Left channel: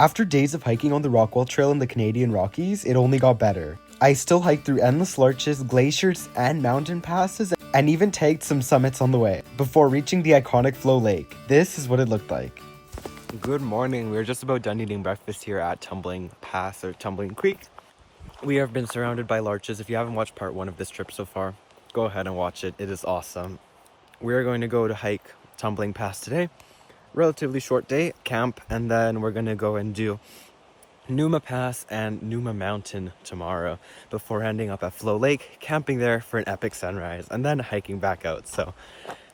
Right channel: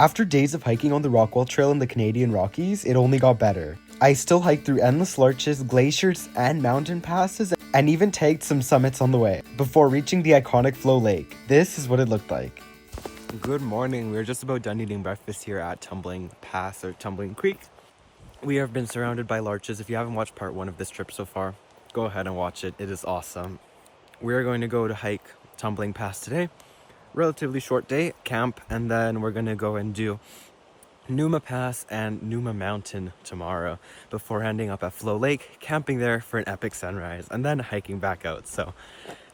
After days of hiking on the Rockwall Trail in the Canadian Rockies, it only got better. I still hiked through endless larches, glaciers, and mountain passes, and even tagged some summits on the way, before reaching the iconic Floe Lake. This is what it looked like. Good morning, we're just about done eating breakfast here at Tumbling Pass or Tumbling Creek. We have been surrounded by larches. If you haven't watched part 1 of this trip so far, go ahead and watch it, it is awesome. We are going to go to hike Tumbling Pass today. Relatively short day, camp, and then we're gonna go and do Numa Pass and Numa Mountain tomorrow before ending up at Floe Lake, camping there for an epic sunrise, and then hiking back out. So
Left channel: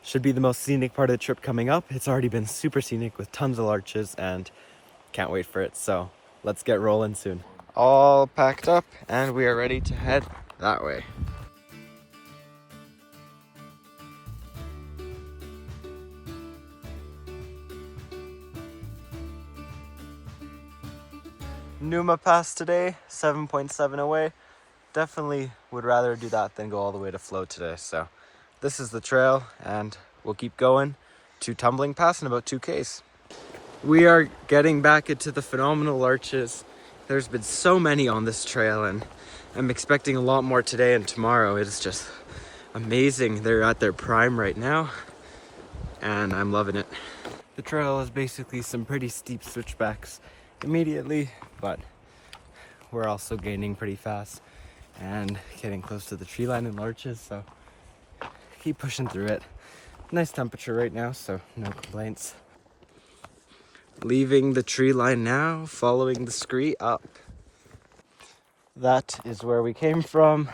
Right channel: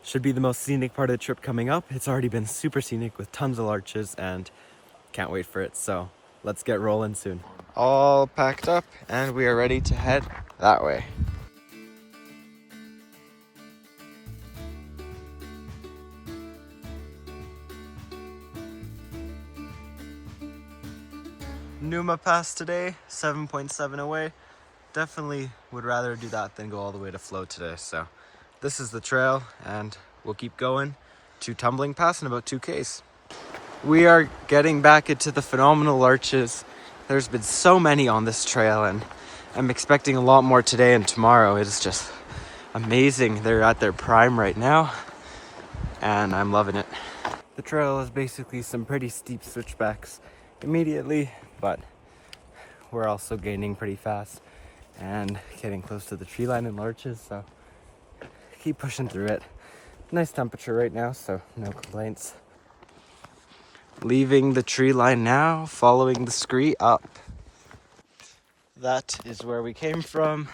should be the most scenic part of the trip coming up. It's already been super scenic with tons of larches and can't wait for it. So let's get rolling soon. All packed up and we are ready to head that way. Numa Pass today, 7.7 away. Definitely would rather do that than go all the way to Floe today. So this is the trail and we'll keep going to Tumbling Pass in about 2Ks. We are getting back into the phenomenal larches. There's been so many on this trail and I'm expecting a lot more today and tomorrow. It is just amazing. They're at their prime right now and I'm loving it. The trail is basically some pretty steep switchbacks immediately, but we're also gaining pretty fast and getting close to the tree line and larches, so keep pushing through it. Nice temperature right now, so no complaints. Leaving the tree line now, following the scree up. That is where we came from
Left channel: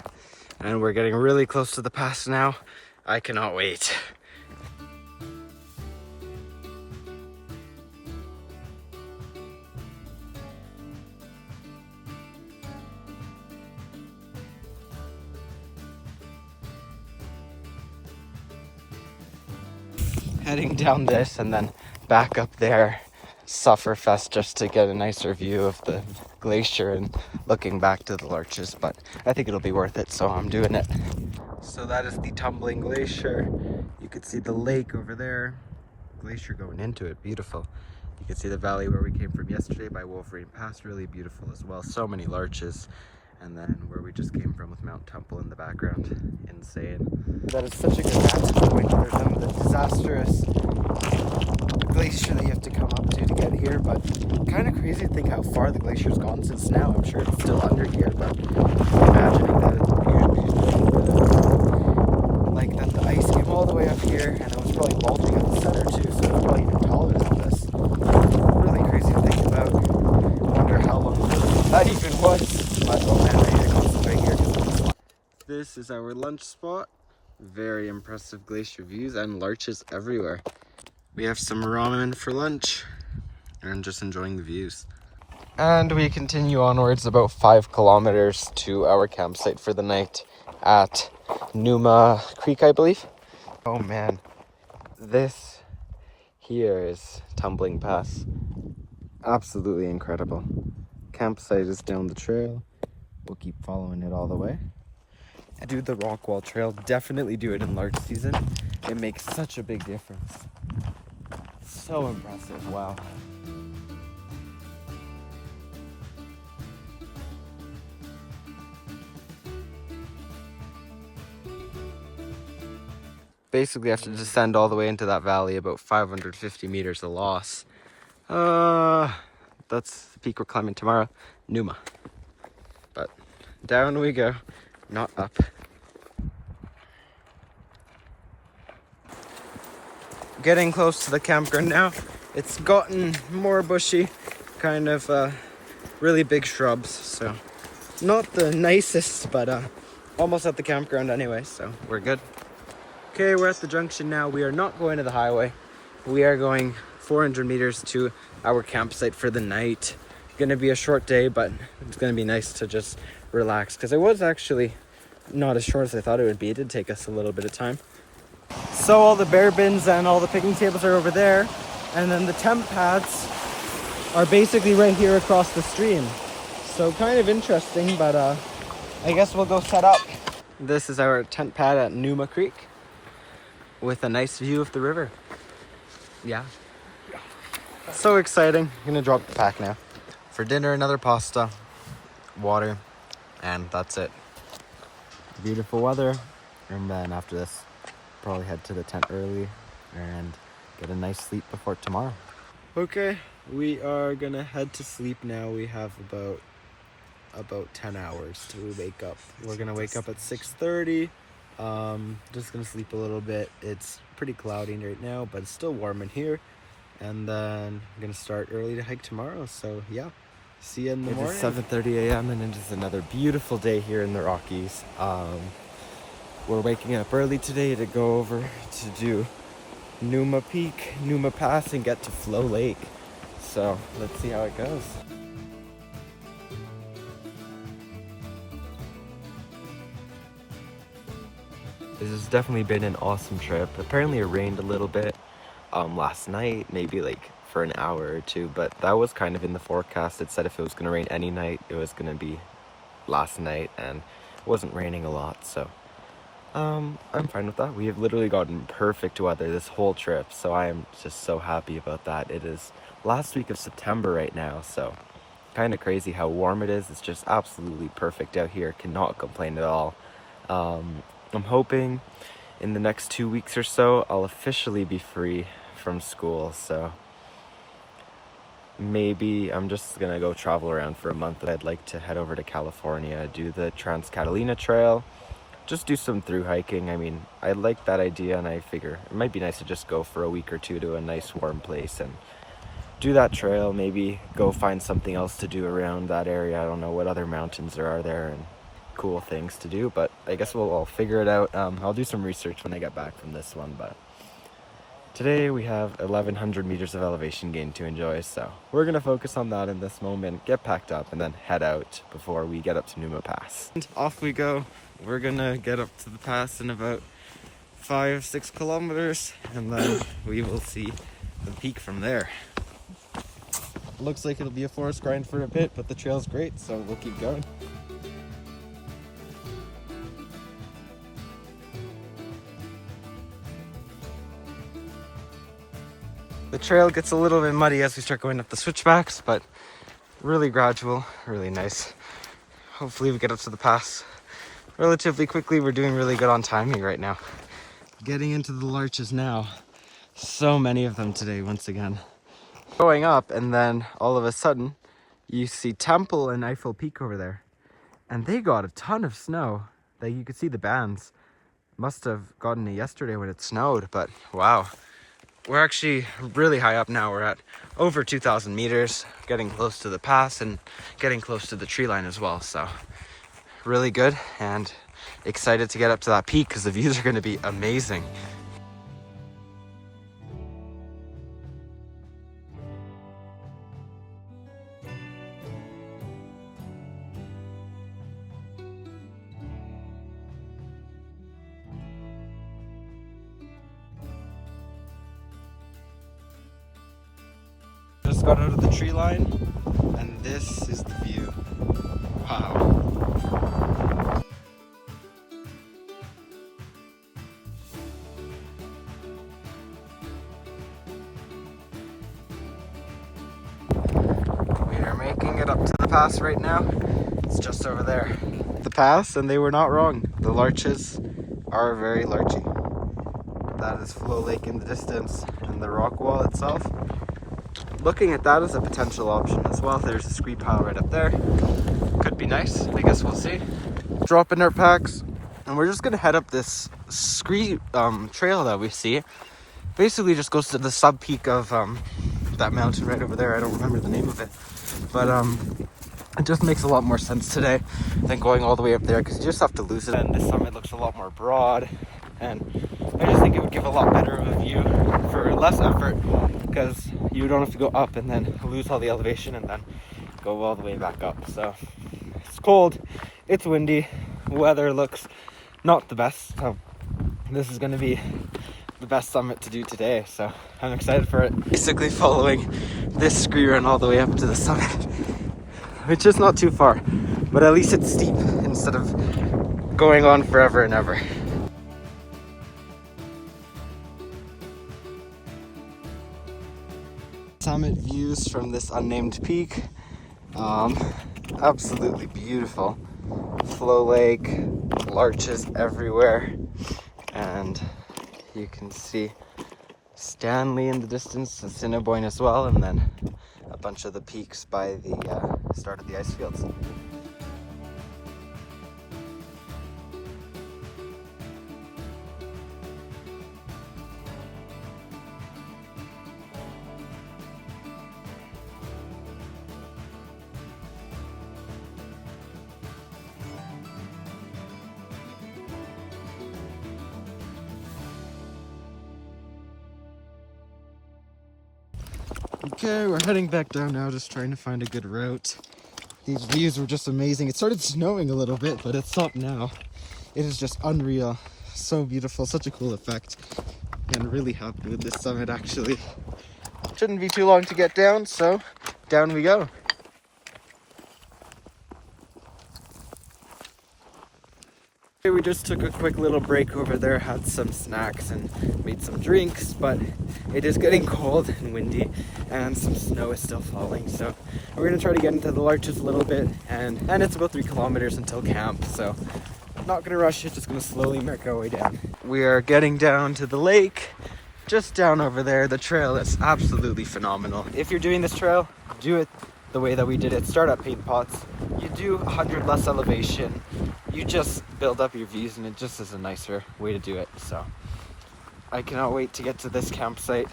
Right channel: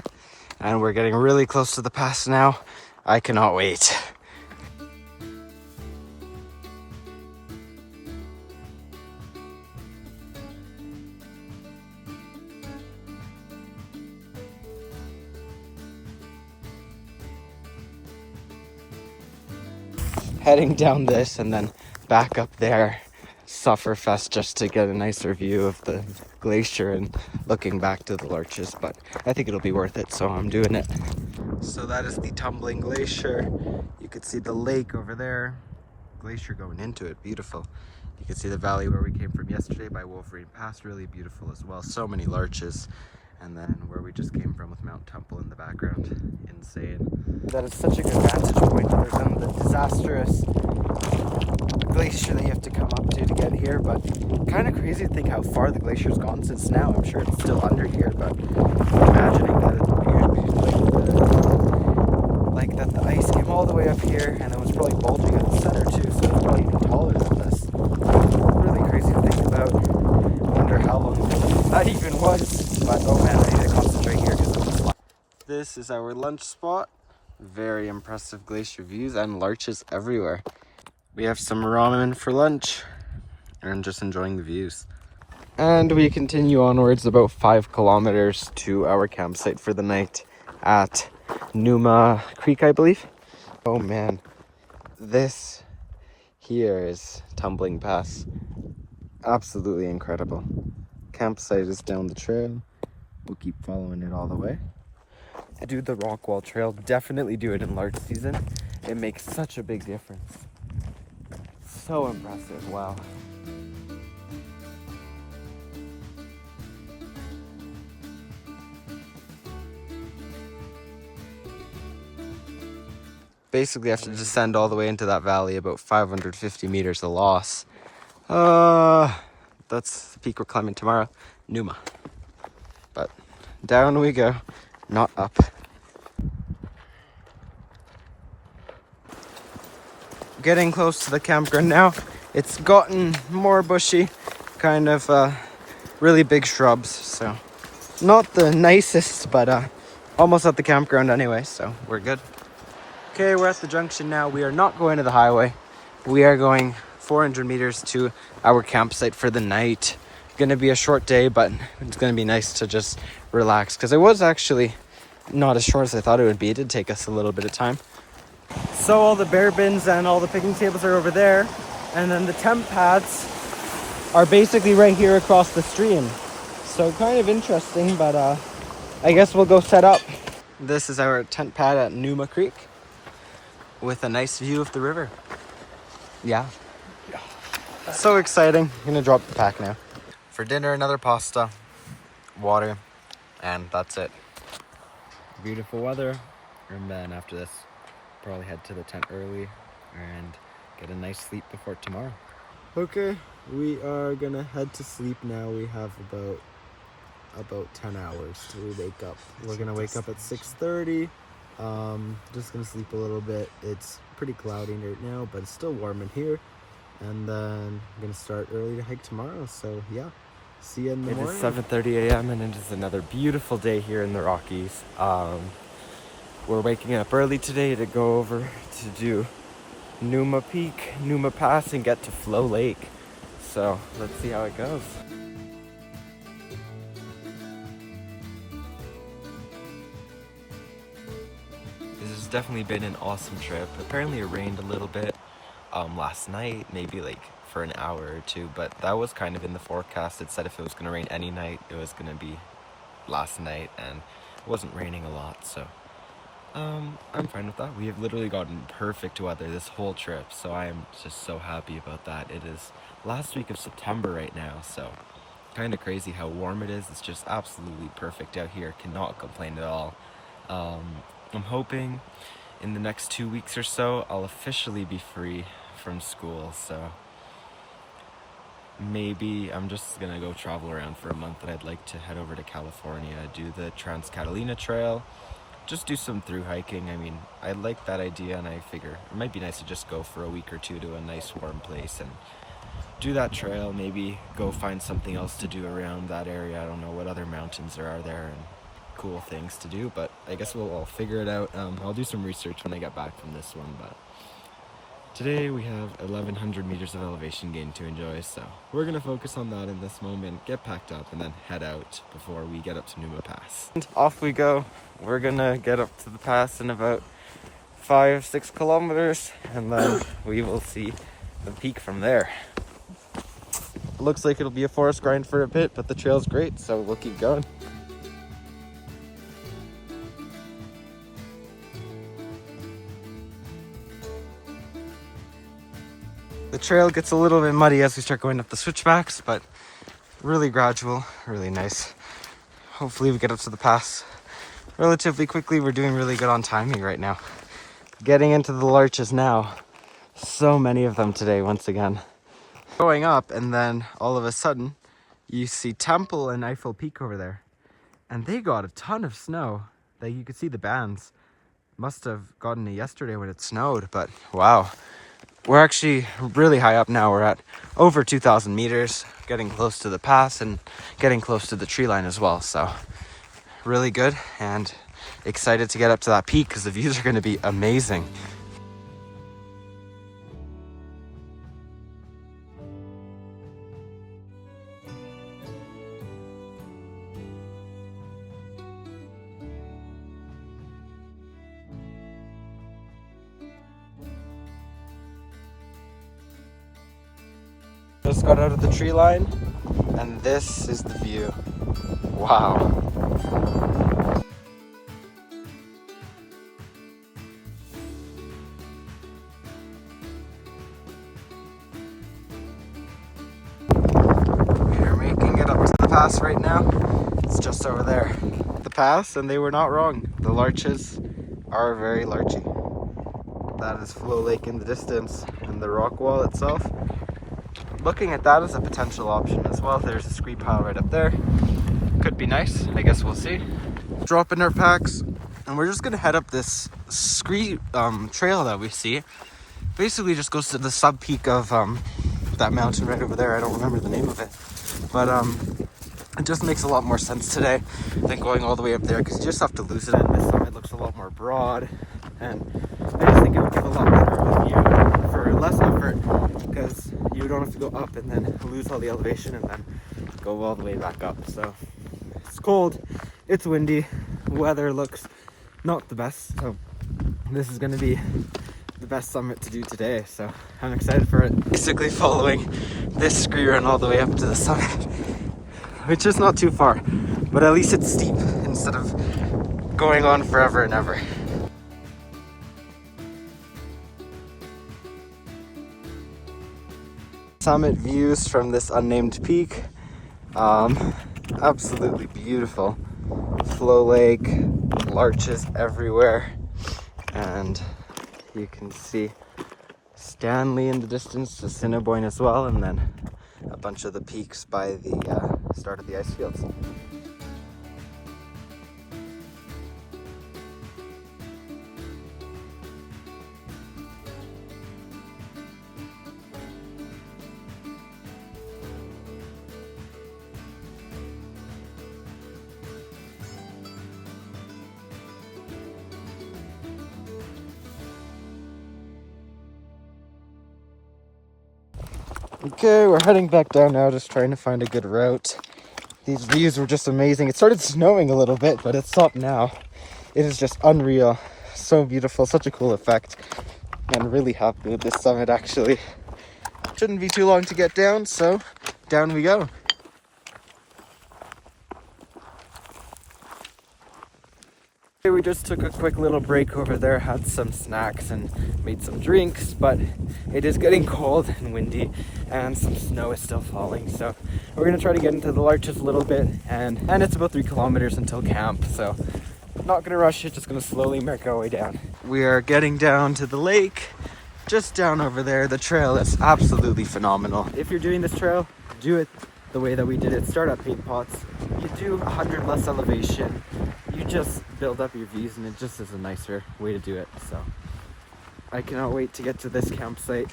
and we're getting really close to the pass now. I cannot wait. Heading down this and then back up there, Sufferfest, just to get a nicer view of the glacier and looking back to the larches, but I think it'll be worth it, so I'm doing it. So that is the Tumbling Glacier. You could see the lake over there, glacier going into it, beautiful. You can see the valley where we came from yesterday by Wolverine Pass, really beautiful as well, so many larches. And then where we just came from with Mount Temple in the background, insane. That is such a good vantage point other than the disastrous glacier that you have to come up to get here, but kind of crazy to think how far the glacier's gone since now. I'm sure it's still under here, but imagining that it like that the ice came all the way up here and it was probably bulging at the center too, so it's probably even taller than this. Really crazy to think about. Wonder how long ago that even was. But oh man, I need to concentrate here because of the spot. This is our lunch spot. Very impressive glacier views and larches everywhere. We have some ramen for lunch and just enjoying the views. And we continue onwards about 5 kilometers to our campsite for the night at Numa Creek, I believe. Oh man, this here is Tumbling Pass. Absolutely incredible. Campsite is down the trail. We'll keep following it all the way. Do the Rockwall Trail. Definitely do it in larch season. It makes such a big difference. So impressive. Wow. Basically have to descend all the way into that valley, about 550 meters of loss. That's the peak we're climbing tomorrow, Numa. But down we go, not up. Getting close to the campground now. It's gotten more bushy, kind of really big shrubs, so not the nicest, but almost at the campground anyway, so we're good. Okay, we're at the junction now. We are not going to the highway. We are going 400 meters to our campsite for the night. Gonna be a short day, but it's gonna be nice to just relax because it was actually not as short as I thought it would be. It did take us a little bit of time. So all the bear bins and all the picnic tables are over there, and then the tent pads are basically right here across the stream. So kind of interesting, but I guess we'll go set up. This is our tent pad at Numa Creek with a nice view of the river. Yeah. So exciting. I'm gonna drop the pack now. For dinner, another pasta, water, and that's it. Beautiful weather, and then after this, probably head to the tent early and get a nice sleep before tomorrow. Okay, we are gonna head to sleep now. We have about 10 hours till we wake up. We're gonna wake up at 6:30. Just gonna sleep a little bit. It's pretty cloudy right now, but it's still warm in here. And then I'm gonna start early to hike tomorrow. So yeah, see you in the morning. It is 7:30 a.m. and it is another beautiful day here in the Rockies. We're waking up early today to go over to do Numa Pass, and get to Floe Lake. So let's see how it goes. This has definitely been an awesome trip. Apparently it rained a little bit last night, maybe like for an hour or two, but that was kind of in the forecast. It said if it was gonna rain any night, it was gonna be last night, and it wasn't raining a lot, so I'm fine with that. We have literally gotten perfect weather this whole trip, so I am just so happy about that. It is last week of September right now, so kind of crazy how warm it is. It's just absolutely perfect out here. Cannot complain at all. I'm hoping in the next 2 weeks or so I'll officially be free from school, so maybe I'm just gonna go travel around for a month. I'd like to head over to California, do the Trans-Catalina Trail, just do some through hiking. I mean, I like that idea, and I figure it might be nice to just go for a week or two to a nice warm place and do that trail, maybe go find something else to do around that area. I don't know what other mountains there are there and cool things to do, but I guess we'll figure it out. I'll do some research when I get back from this one, but today we have 1100 meters of elevation gain to enjoy, so we're gonna focus on that in this moment, get packed up, and then head out before we get up to Numa Pass. And off we go. We're gonna get up to the pass in about 5-6 kilometers, and then we will see the peak from there. Looks like it'll be a forest grind for a bit, but the trail's great, so we'll keep going. The trail gets a little bit muddy as we start going up the switchbacks, but really gradual, really nice. Hopefully we get up to the pass relatively quickly. We're doing really good on timing right now. Getting into the larches now. So many of them today, once again. Going up, and then all of a sudden, you see Temple and Eiffel Peak over there. And they got a ton of snow. Like, you could see the bands. Must have gotten it yesterday when it snowed, but wow. We're actually really high up now. We're at over 2,000 meters, getting close to the pass and getting close to the tree line as well. So really good, and excited to get up to that peak because the views are going to be amazing. Just got out of the tree line, and this is the view. Wow. We are making it up to the pass right now. It's just over there. The pass, and they were not wrong. The larches are very larchy. That is Floe Lake in the distance, and the Rockwall itself. Looking at that as a potential option as well. There's a scree pile right up there. Could be nice. I guess we'll see. Dropping our packs, and we're just gonna head up this scree trail that we see. Basically, just goes to the sub peak of that mountain right over there. I don't remember the name of it, but it just makes a lot more sense today than going all the way up there, because you just have to lose it. And this summit looks a lot more broad, and I just think it would give a lot better of a view for less effort, because you don't have to go up and then lose all the elevation and then go all the way back up. So it's cold, it's windy, weather looks not the best, so this is going to be the best summit to do today, so I'm excited for it. Basically following this scree run all the way up to the summit, which is not too far, but at least it's steep instead of going on forever and ever. Summit views from this unnamed peak. Absolutely beautiful. Floe Lake, larches everywhere, and you can see Stanley in the distance, Assiniboine as well, and then a bunch of the peaks by the start of the Icefields. Okay, we're heading back down now, just trying to find a good route. These views were just amazing. It started snowing a little bit, but it's stopped now. It is just unreal. So beautiful, such a cool effect. And really happy with this summit, actually. Shouldn't be too long to get down, so down we go. We just took a quick little break over there, had some snacks and made some drinks, but it is getting cold and windy and some snow is still falling. So we're gonna try to get into the Larches a little bit, and it's about 3 kilometers until camp. So not gonna rush it, just gonna slowly make our way down. We are getting down to the lake, just down over there. The trail is absolutely phenomenal. If you're doing this trail, do it the way that we did it. Start at Paint Pots. You do 100 less elevation. You just build up your views, and it just is a nicer way to do it. So I cannot wait to get to this campsite.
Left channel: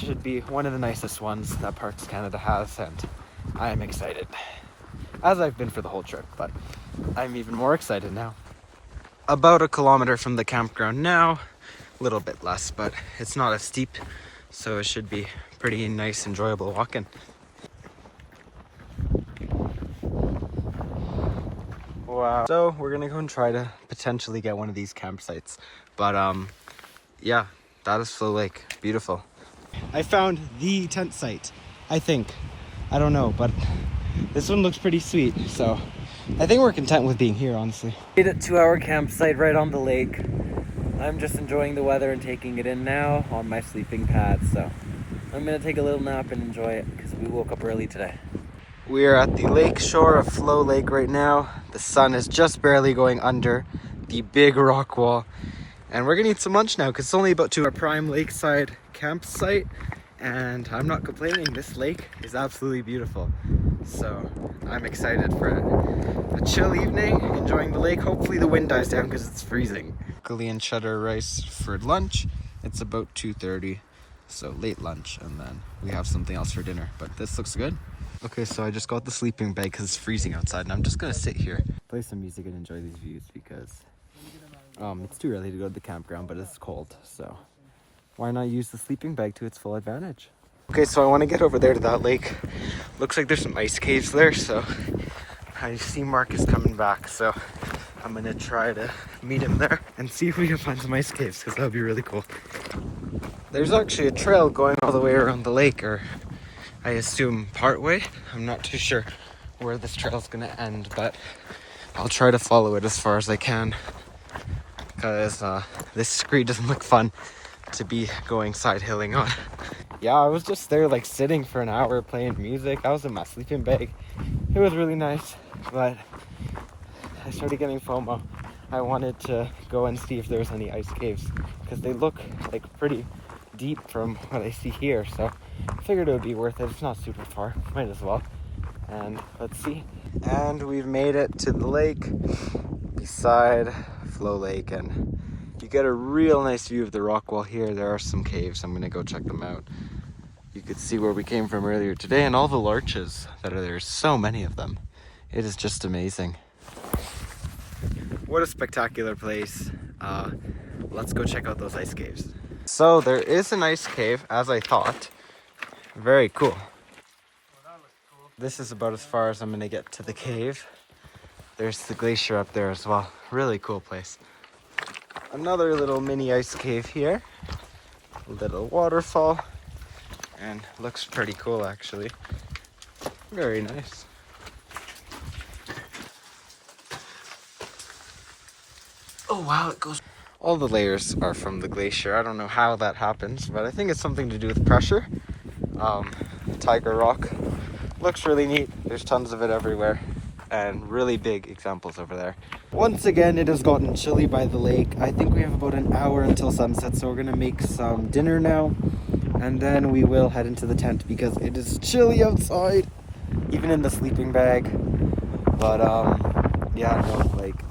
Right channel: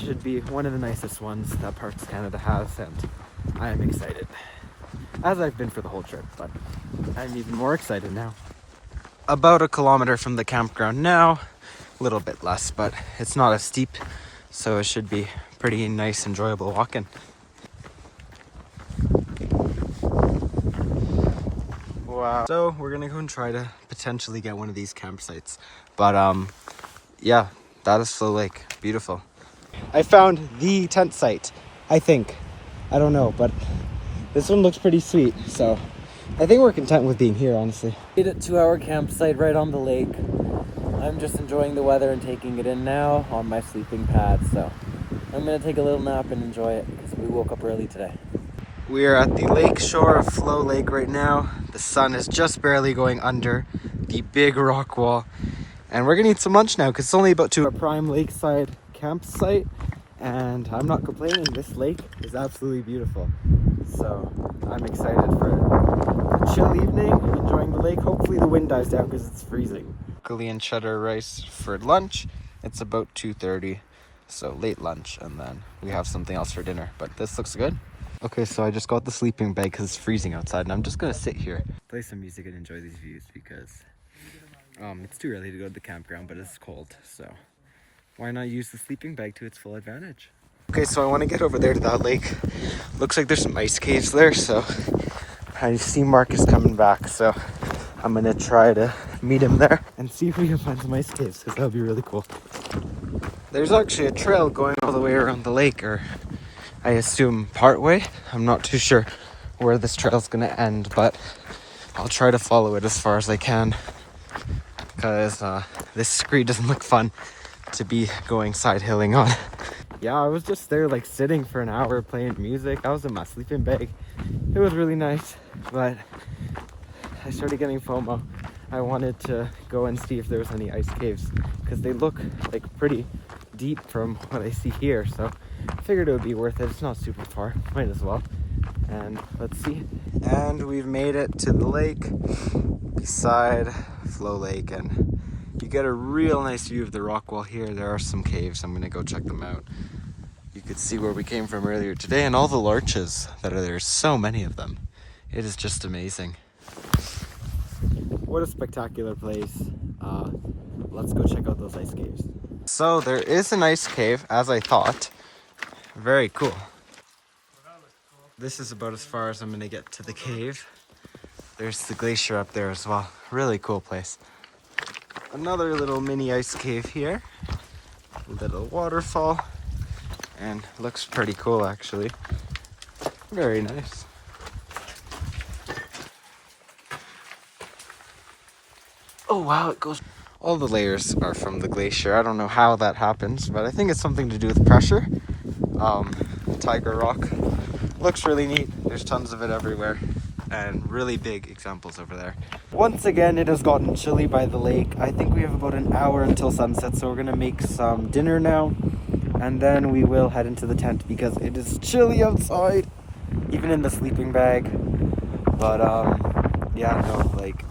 Should be one of the nicest ones that Parks Canada has, and I am excited, as I've been for the whole trip, but I'm even more excited now. About 1 kilometer from the campground now, a little bit less, but it's not as steep, so it should be pretty nice, enjoyable walking. Wow. So we're gonna go and try to potentially get one of these campsites. But yeah, that is Floe Lake. Beautiful. I found the tent site, I think. I don't know, but this one looks pretty sweet. So I think we're content with being here, honestly. Made it to our campsite right on the lake. I'm just enjoying the weather and taking it in now on my sleeping pad. So I'm gonna take a little nap and enjoy it because we woke up early today. We are at the lake shore of Floe Lake right now. The sun is just barely going under the big rock wall. And we're gonna eat some lunch now because it's only about to our prime lakeside campsite. And I'm not complaining, this lake is absolutely beautiful. So I'm excited for a chill evening, enjoying the lake. Hopefully the wind dies down because it's freezing. Broccoli and cheddar rice for lunch. It's about 2:30, so late lunch. And then we have something else for dinner, but this looks good. Okay, so I just got the sleeping bag because it's freezing outside, and I'm just gonna sit here, play some music, and enjoy these views because it's too early to go to the campground, but it's cold, so why not use the sleeping bag to its full advantage? Okay, so I want to get over there to that lake. Looks like there's some ice caves there, so I see Marcus coming back, so I'm gonna try to meet him there and see if we can find some ice caves, because that would be really cool. There's actually a trail going all the way around the lake, or I assume Parkway. I'm not too sure where this trail's gonna end, but I'll try to follow it as far as I can because this screen doesn't look fun to be going side hilling on. Yeah, I was just there like sitting for an hour playing music. I was in my sleeping bag. It was really nice, but I started getting FOMO. I wanted to go and see if there was any ice caves because they look like pretty deep from what I see here, so I figured it would be worth it. It's not super far, might as well. And let's see. And we've made it to the lake beside Floe Lake, and you get a real nice view of the rock wall here. There are some caves. I'm gonna go check them out. You could see where we came from earlier today and all the larches that are there. So many of them. It is just amazing. What a spectacular place. Let's go check out those ice caves. So there is an ice cave, as I thought. Very cool. This is about as far as I'm gonna get to the cave. There's the glacier up there as well. Really cool place. Another little mini ice cave here. A little waterfall. And looks pretty cool actually. Very nice. Oh wow, it goes. All the layers are from the glacier. I don't know how that happens, but I think it's something to do with pressure. Tiger Rock Looks really neat. There's tons of it everywhere and really big examples over there. Once again, it has gotten chilly by the lake. I think we have about an hour until sunset, so we're gonna make some dinner now and then we will head into the tent because it is chilly outside, even in the sleeping bag. But yeah, no, like,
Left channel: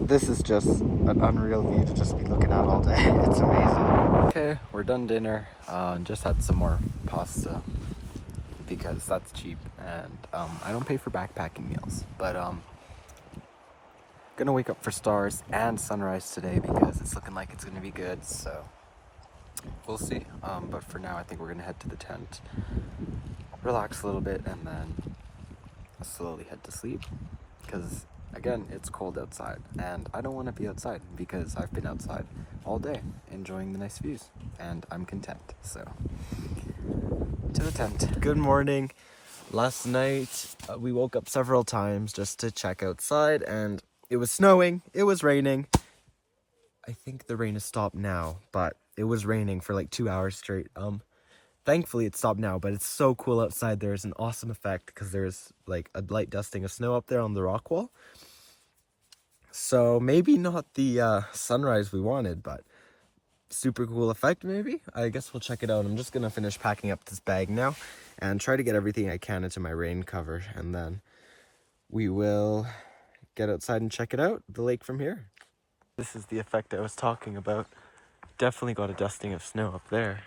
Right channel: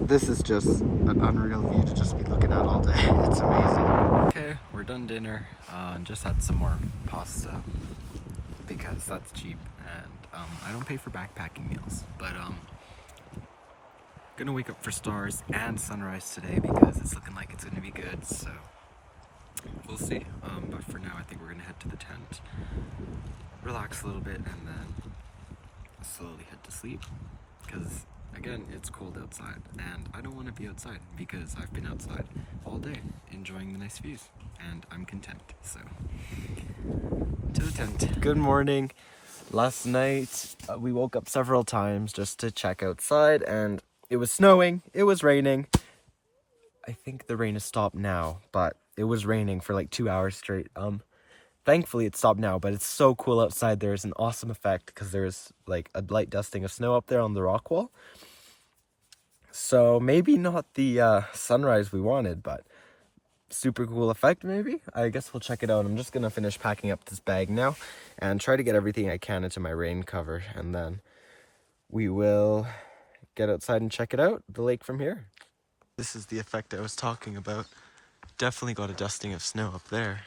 this is just an unreal view to just be looking at all day. It's amazing. Okay, we're done dinner. Just had some more pasta because that's cheap, and I don't pay for backpacking meals. But gonna wake up for stars and sunrise today because it's looking like it's gonna be good. So we'll see. But for now, I think we're gonna head to the tent, relax a little bit, and then slowly head to sleep. Because again, it's cold outside, and I don't want to be outside because I've been outside all day enjoying the nice views, and I'm content. So to the tent. Good morning. Last night we woke up several times just to check outside, and it was snowing, it was raining. I think the rain has stopped now, but it was raining for like 2 hours straight. Thankfully it stopped now, but it's so cool outside. There's an awesome effect because there's like a light dusting of snow up there on the rock wall. So maybe not the sunrise we wanted, but super cool effect maybe. I guess we'll check it out. I'm just gonna finish packing up this bag now and try to get everything I can into my rain cover, and then we will get outside and check it out, the lake from here. This is the effect I was talking about. Definitely got a dusting of snow up there.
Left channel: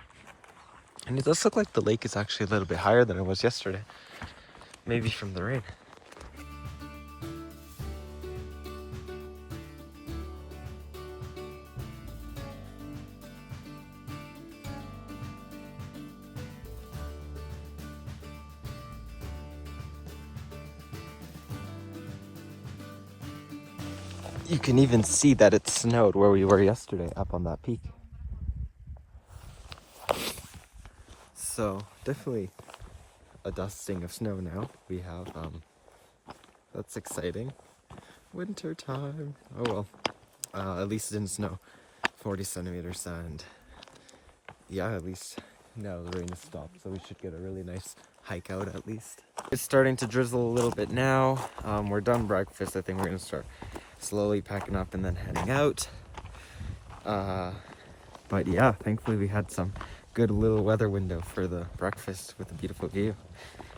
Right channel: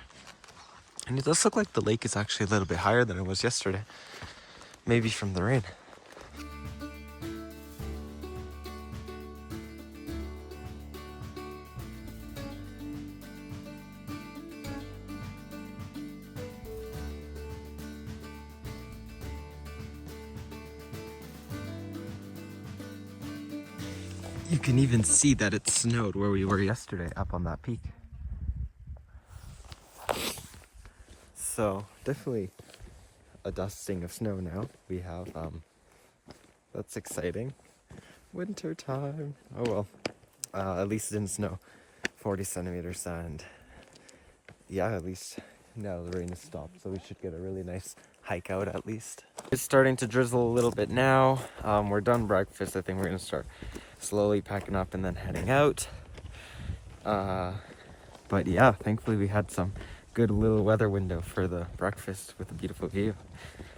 And it does look like the lake is actually a little bit higher than it was yesterday. Maybe from the rain. You can even see that it snowed where we were yesterday up on that peak. So definitely a dusting of snow now. We have, that's exciting. Winter time. Oh well, at least it didn't snow 40 centimeters, and yeah, at least now the rain has stopped, so we should get a really nice hike out at least. It's starting to drizzle a little bit now. We're done breakfast. I think we're gonna start slowly packing up and then heading out. But yeah, thankfully we had some good little weather window for the breakfast with a beautiful view.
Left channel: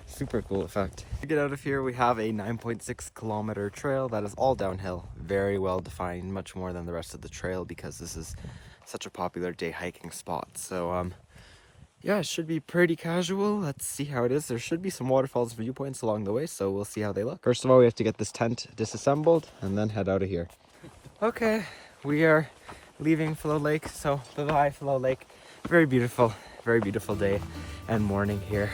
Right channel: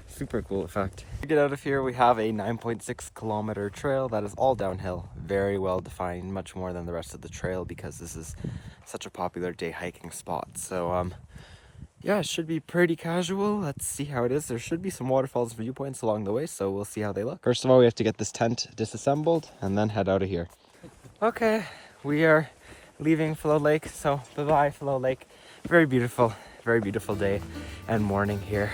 Super cool effect. To get out of here, we have a 9.6 kilometer trail that is all downhill, very well defined, much more than the rest of the trail because this is such a popular day hiking spot. So yeah, it should be pretty casual. Let's see how it is. There should be some waterfalls and viewpoints along the way, so we'll see how they look. First of all, we have to get this tent disassembled and then head out of here. Okay, we are leaving Floe Lake, so bye-bye Floe Lake. Very beautiful day and morning here.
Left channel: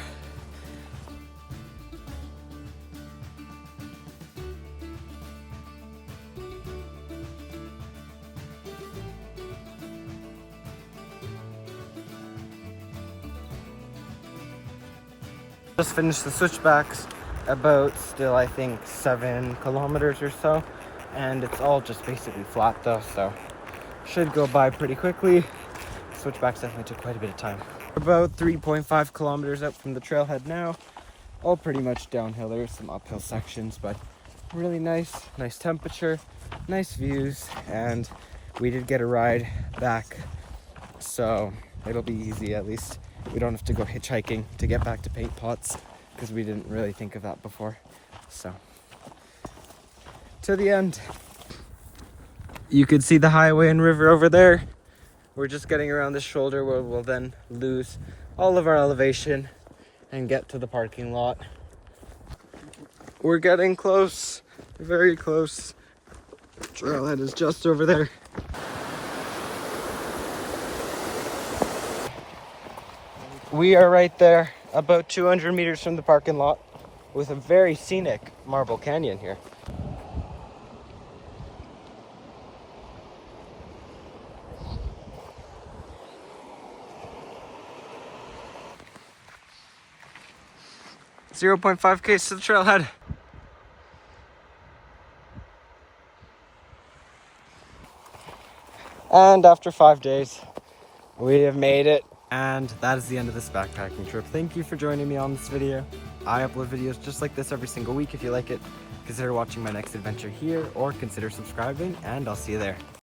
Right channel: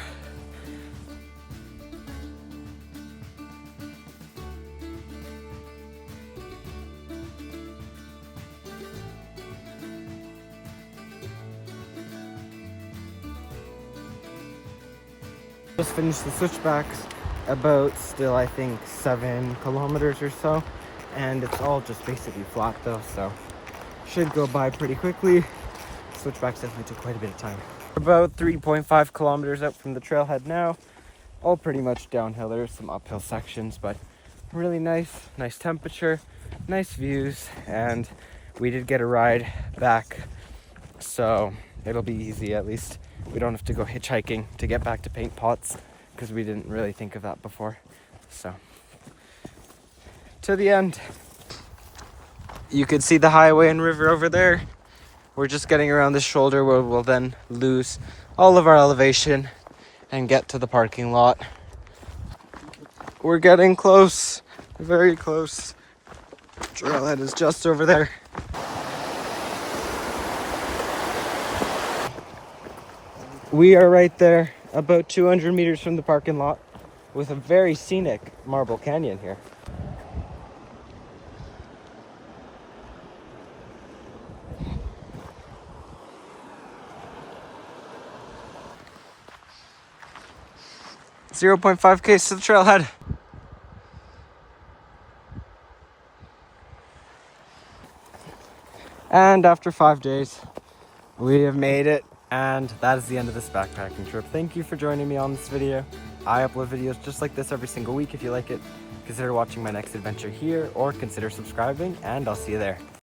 Just finished the switchbacks, about still I think 7 kilometers or so, and it's all just basically flat though, so should go by pretty quickly. Switchbacks definitely took quite a bit of time. About 3.5 kilometers out from the trailhead now, all pretty much downhill. There's some uphill sections, but really nice temperature, nice views, and we did get a ride back, so it'll be easy. At least we don't have to go hitchhiking to get back to Paint Pots because we didn't really think of that before. So to the end. You could see the highway and river over there. We're just getting around this shoulder where we'll then lose all of our elevation and get to the parking lot. We're getting close, very close. Trailhead is just over there. We are right there, about 200 meters from the parking lot, with a very scenic marble canyon here. .5 Ks to the trailhead. And after 5 days, we have made it. And that is the end of this backpacking trip. Thank you for joining me on this video. I upload videos just like this every single week. If you like it, consider watching my next adventure here or consider subscribing, and I'll see you there.